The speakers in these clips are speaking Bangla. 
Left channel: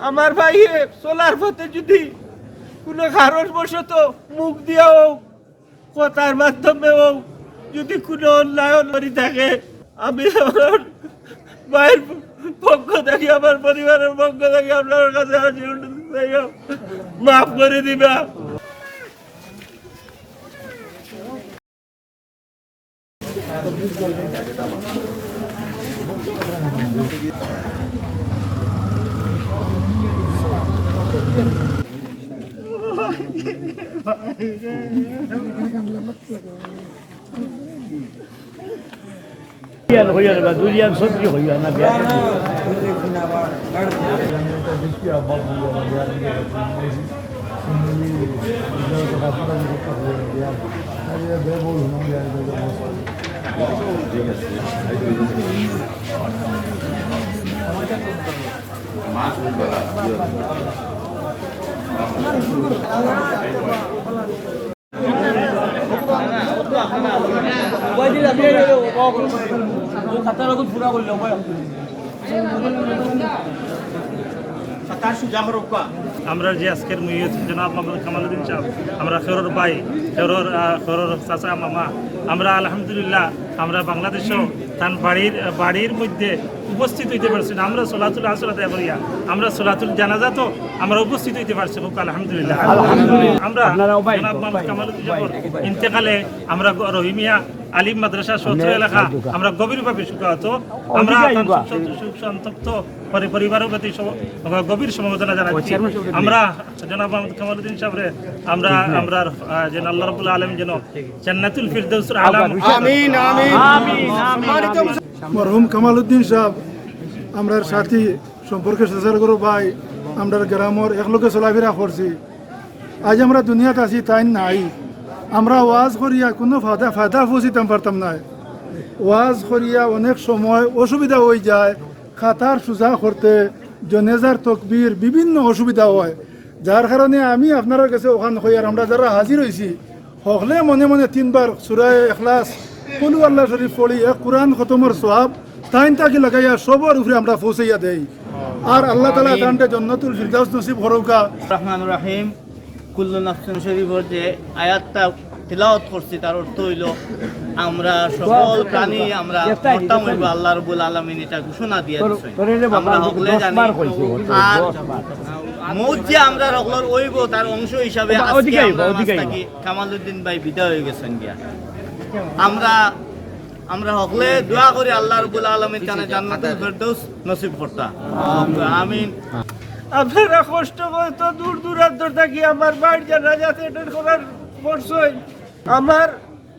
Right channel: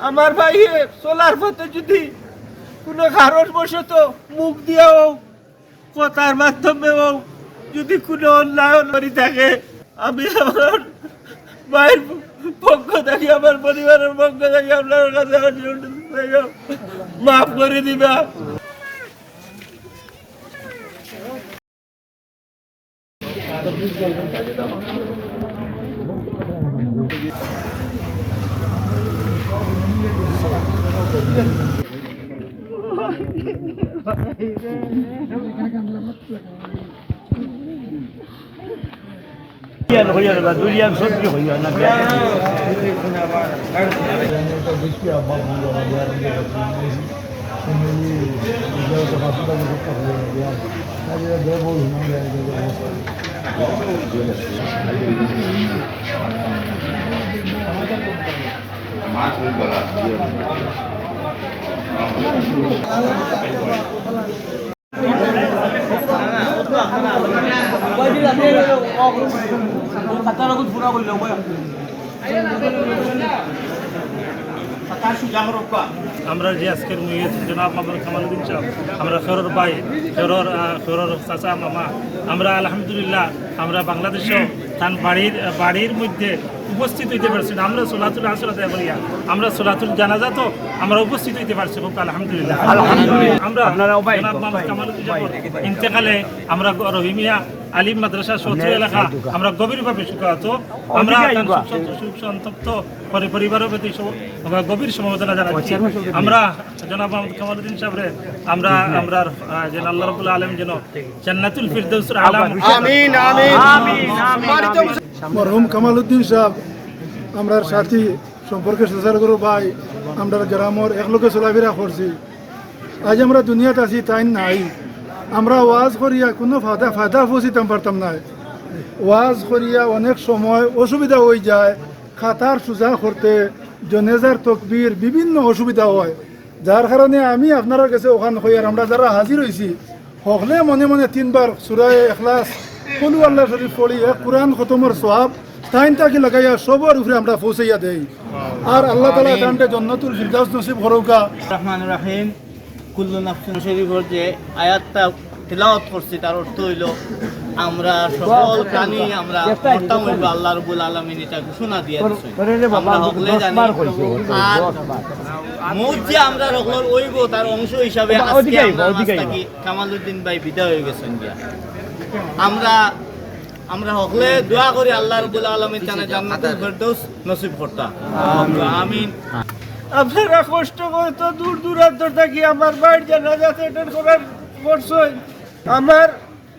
আমার ভাই চলার পথে যদি কোনো কারণবশত মুখ দিয়া হোক কথার মাধ্যমে হোক যদি কোনো অন্যায় করি থাকে, আমি আমার ভাইয়ের পক্ষ থেকে আমার পরিবারের পক্ষ থেকে আপনার কাছে মাফ করে দিবা। দুলিয়ান সত্যি হইয়া না আমরা যে আজকের জনাব মোহাম্মদ কামালউদ্দিন সাহেব, আমরা খেরোর ভাই, খেরোর চাচা মামা, আমরা আলহামদুলিল্লাহ আমরা বাংলাদেশও তার বাড়ির মধ্যে উপস্থিত হইতে পারছি না। আমরা সোলাতুল আসলাতে করিয়া আমরা সোলাতুল জানাজা তো আমরা উপস্থিত হইতে পারছি খুব আলহামদুলিল্লাহ। আমরা জনাব মোহাম্মদ কামালউদ্দিন সাহেবের ইন্তেকালে আমরা রহিমিয়া আলিম মাদ্রাসা সত্র এলাকা আমরা গভীরভাবে শোকাহত। আমরা সুখ সন্তপ্ত পরিবারের প্রতি গভীর সমবেদনা জানাচ্ছি। আমরা জনাব মোহাম্মদ কামালউদ্দিন সাহেবরে আমরা যেন আল্লাহ রাব্বুল আলামিন যেন জান্নাতুল ফিরদাউসের আলা আমিন আমিন। মরহুম কামালউদ্দিন সাহেব আমরা সাথী সম্পর্কে সজার করো ভাই, আমরা গ্রামের একলোকে চলাফেরা করছি। আজ আমরা দুনিয়াতে আছি তাই নাই, আমরা ওয়াজ করিয়া কোনো ফায়দা পৌঁছিতাম পারতাম না। ওয়াজ করিয়া অনেক সময় অসুবিধা হয়ে যায়, খাতার সোজা করতে জনেজার তকবীর বিভিন্ন অসুবিধা হয়, যার কারণে আমি আপনার কাছে ওখান হই আর আমরা যারা হাজির হয়েছি সকলে মনে মনে 3 বার সূরা ইখলাস কুল আল্লাহ শরীফ পড়ি এক কোরআন খতমের সওয়াব তাইন তাকি লাগাইয়া সবার উপরে আমরা পৌঁছাইয়া দেই। আর আল্লাহ তাআলা তানতে জান্নাতুল ফিরদাউস নসিব করুকা। রহমানুর রহিম। কুল্লু নাফসিন শরীফের যে আয়াতটা তিলাওয়াত করছি তার অর্থ হইল আমরা সকল প্রাণী আমরা মরতাম হইব, আল্লাহ রাব্বুল আলামিন এটা ঘোষণা দিয়ে দিয়েছেন। আমরা সকলে জানি আর মৌত যে আমরা সকলের হইব তার অংশ হিসাবে আজকে আমরা কামালউদ্দিন ভাই বিদায় হয়ে গেছেন গিয়া। আমরা সকলে দোয়া করি আল্লাহ রাব্বুল আলামিন জানে জান্নাতুল ফিরদাউস নসিব করতা। আমিন। আপনারা কষ্ট করে তো দূর দূরান্ত থাকি আমার বাড়ির জানাজাতে অ্যাটেন্ড করার বর্ষই আমার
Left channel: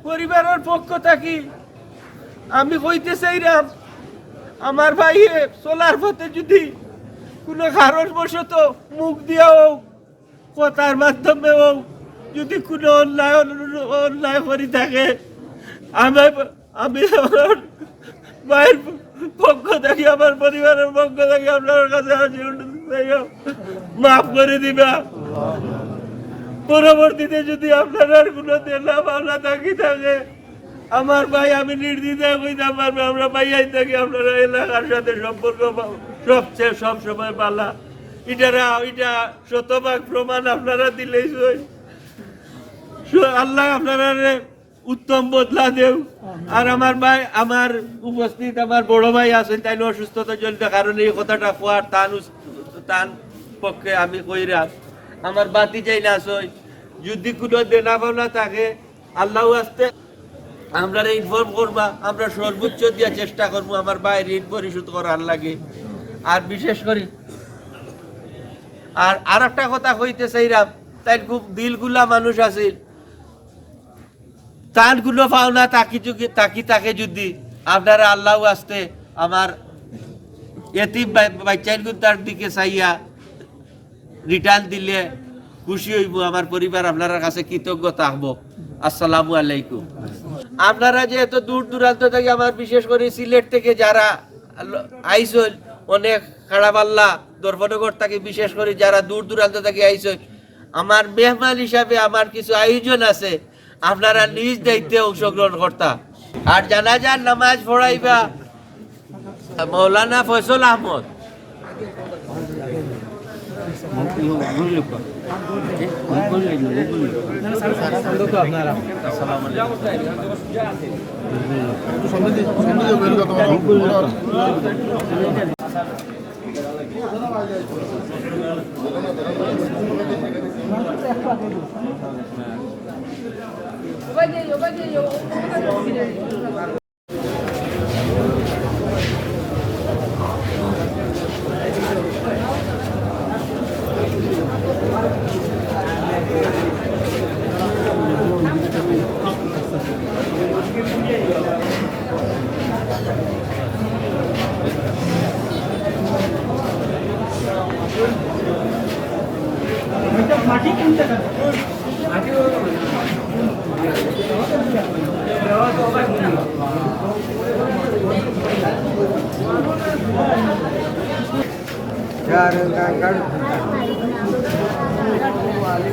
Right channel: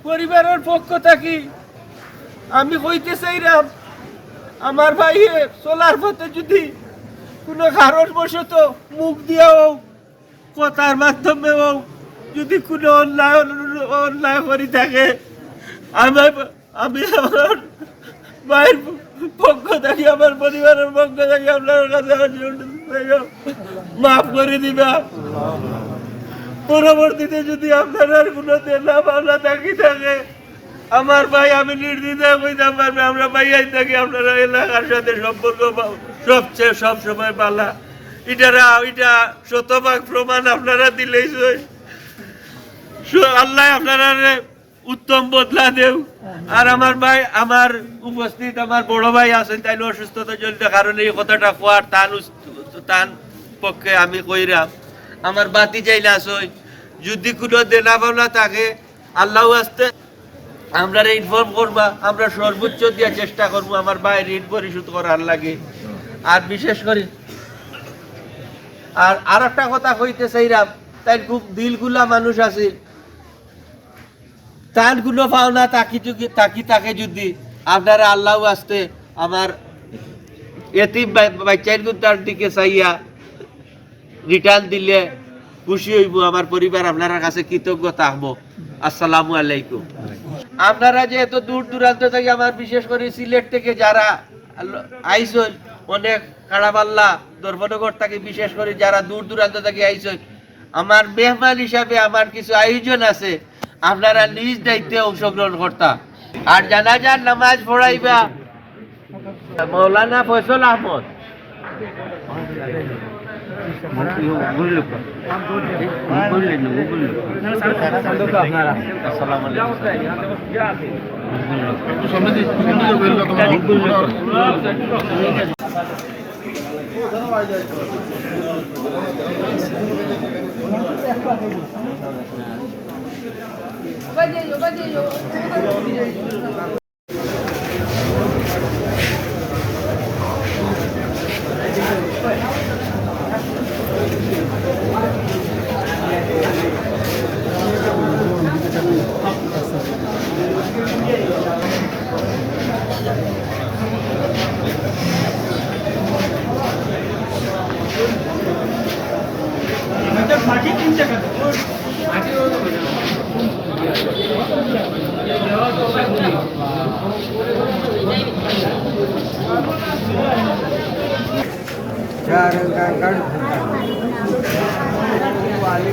পরিবারের পক্ষ থাকি আমি কইতে চাইলাম, আমার ভাই চলার পথে যদি কোনো কারণবশত মুখ দিয়া হোক কথার মাধ্যমে হোক যদি কোনো অন্যায় করি থাকে, আমি আমার ভাইয়ের পক্ষ থেকে আমার পরিবারের পক্ষ থেকে আপনার কাছে মাফ করে দিবা। পরবর্তীতে যদি আপনার কোনো দেনা পাওনা থাকি থাকে আমার ভাই আমি নির্দ্বিধায় কইতে পারবে আমরা ভাইয়াই থাকি আপনারা এলাকার সাথে সম্পর্ক সবচেয়ে সব সময় পালা। এটা শতভাগ প্রমাণ আপনারা দিলেই আল্লাহ আপনারা উত্তম বদলা দেও। আর আমার ভাই আমার উপস্থিত আমার বড় ভাই আছেন, তাইলে অসুস্থতা জনিত কারণে এই কথাটা কোয়ার তান পক্ষে আমি কইরাম। আমার বাতি চাইলে আসই যদি কোনো দেনা পাওনা থাকে আল্লাহ আসতে আমরা ইনফর্ম করবা, আমরা সর্বোচ্চ দিয়ে চেষ্টা করবো আমার ভাইয়ের ঋণ পরিশোধ করার লাগে। আর বিশেষ করে আর একটা কথা কইতে চাইলাম, তাই খুব দিলগুলা মানুষ আছে তার গুলো পাওনা তাকে যদি আপনারা আল্লাহ আসতে আমার এতিম বাচ্চার তার দিকে চাইয়া রিটার্ন দিলে খুশি হইব, আমার পরিবার আপনার কাছে কৃতজ্ঞ থাকবো। আসসালামু আলাইকুম। আপনারা যে এত দূর দূরান্ত থেকে আমার বিশেষ করে সিলেট থেকে যারা আইসন, অনেক খাড়াপাল্লা দর্পনগর থেকে বিশেষ করে যারা দূর দূরান্ত থেকে আইসন, আমার মেহমান হিসাবে আমার কিছু আয়োজন আছে, আপনারা নিজ দায়িত্বে অংশগ্রহণ করতা। আর জানাজার নামাজ পড়াইবা মৌলানা ফয়সল আহমদ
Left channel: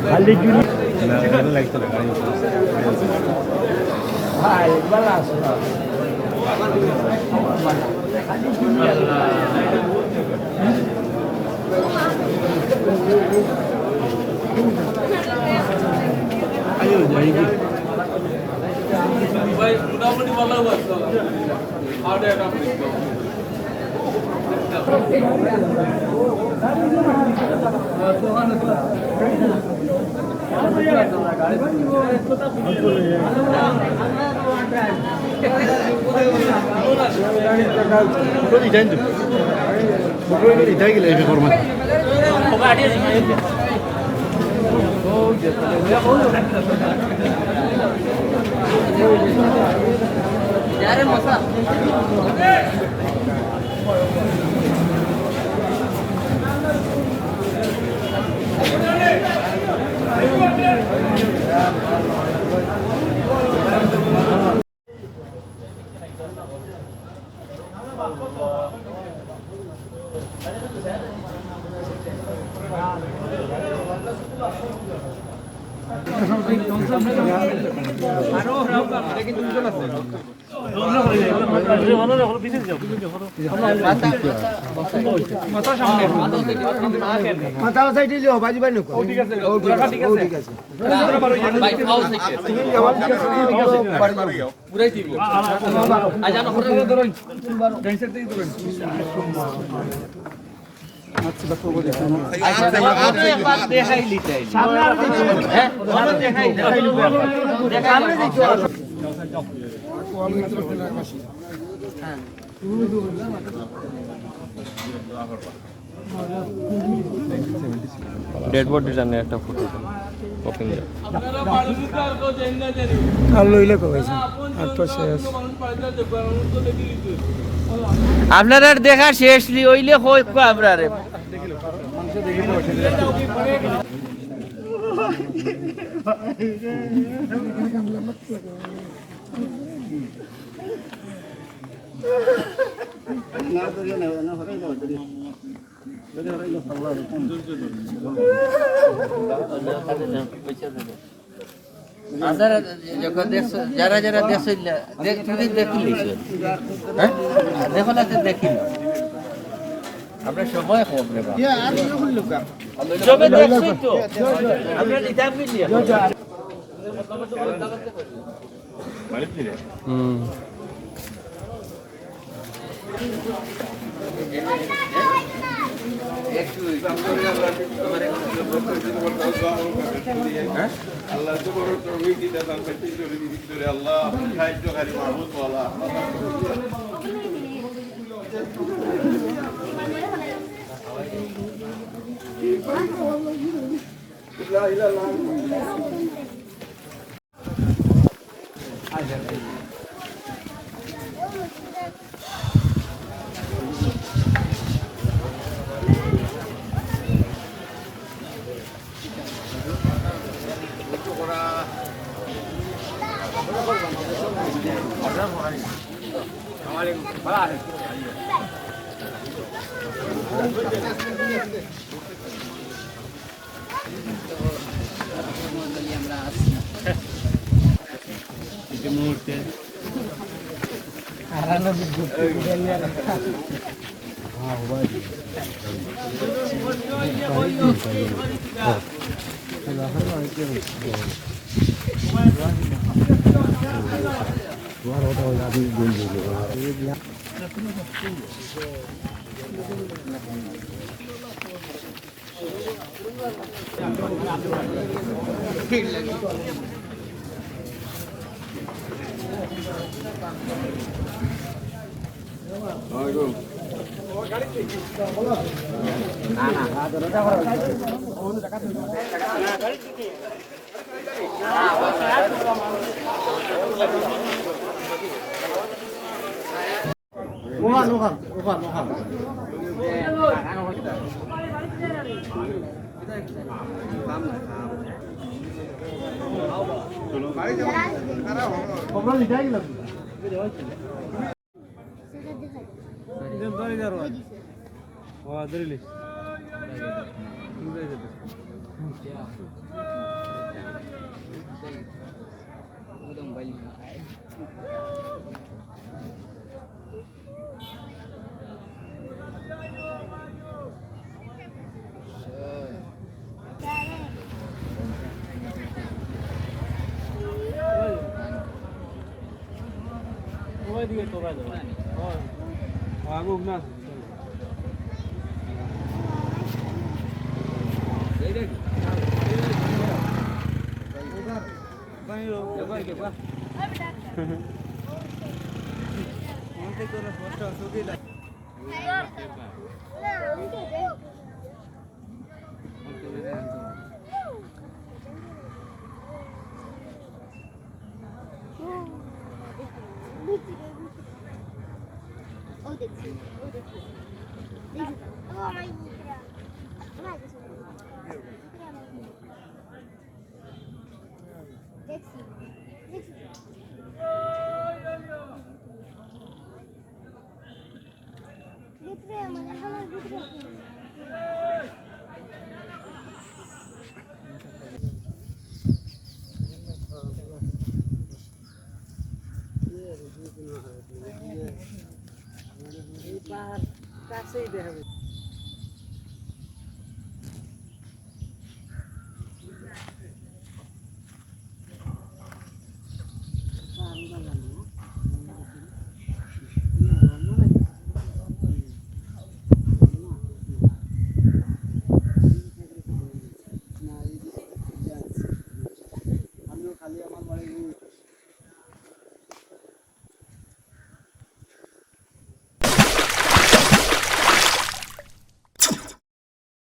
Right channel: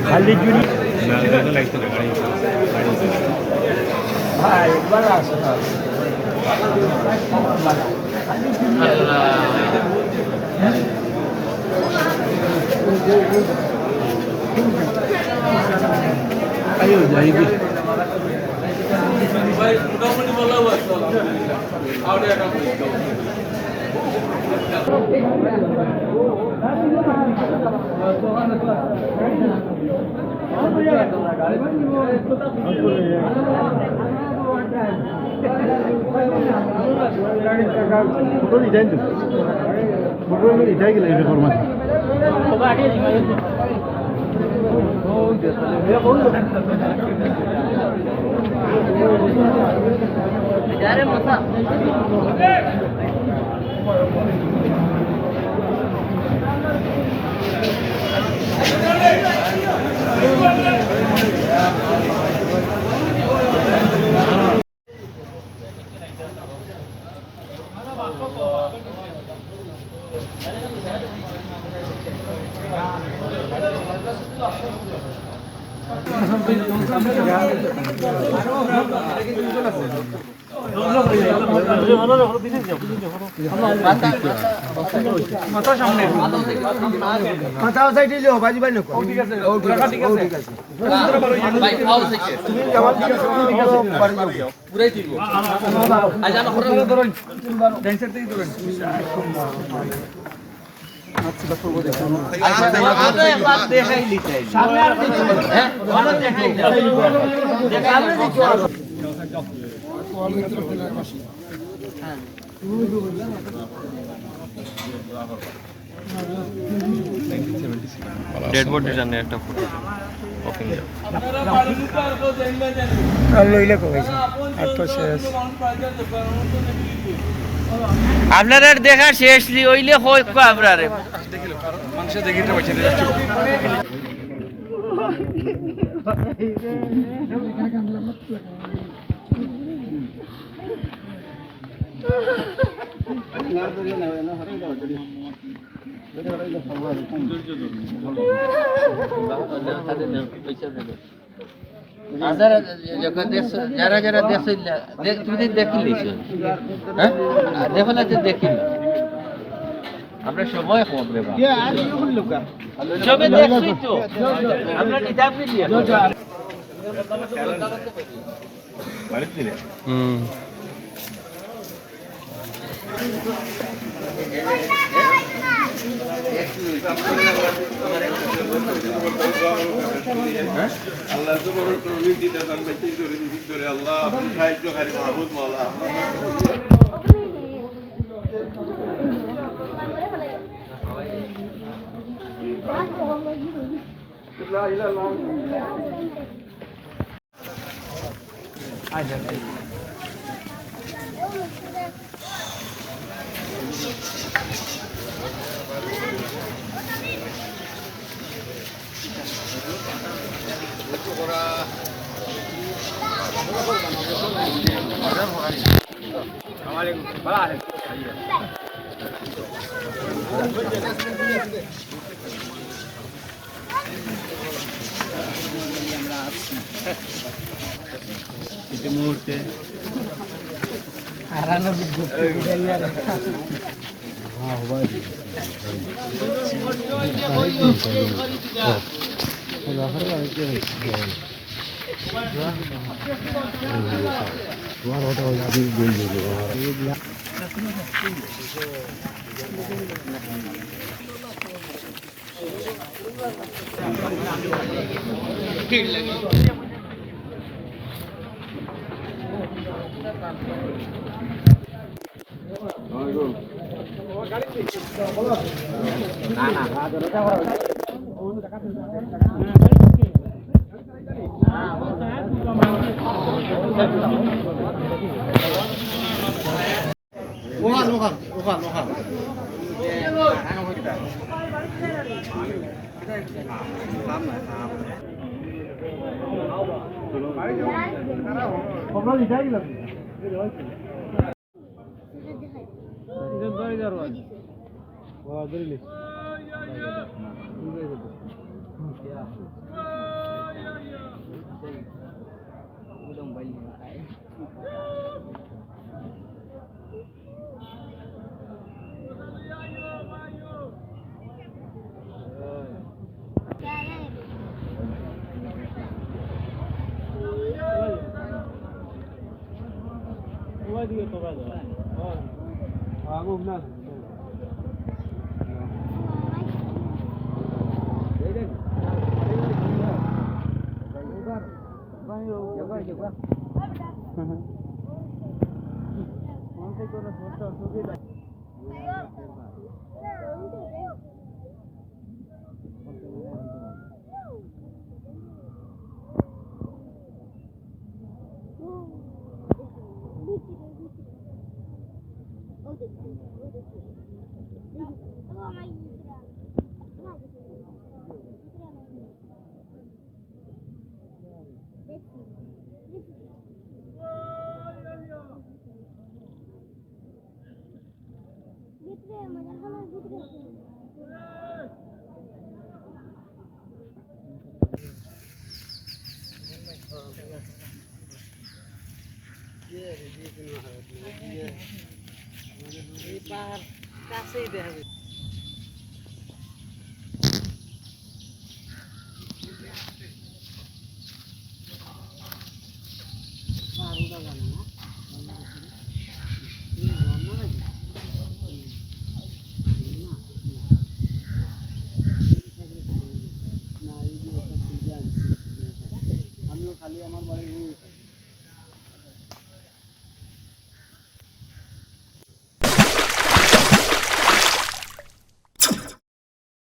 খালি জুড়ি ইটাই গেলে এই ফরমান ডেড বডির জন্য একটা ফটো কফিন আপনার আর দেখা শেষ লি হইলে হয় আপনার যারা যারা দেখছিল তুমি দেখিলি দেখো না দেখিল আমরা সময় কম রে দেখছি তো আমরা নিজাম মিলিয়ে আল্লাহ তো বড় তৌফিক দিতে পারবে ভিতরে আল্লাহ সাহায্য করে মাহমুদ মাওলা মুহূর্তে Hãy subscribe cho kênh Ghiền Mì Gõ để không bỏ lỡ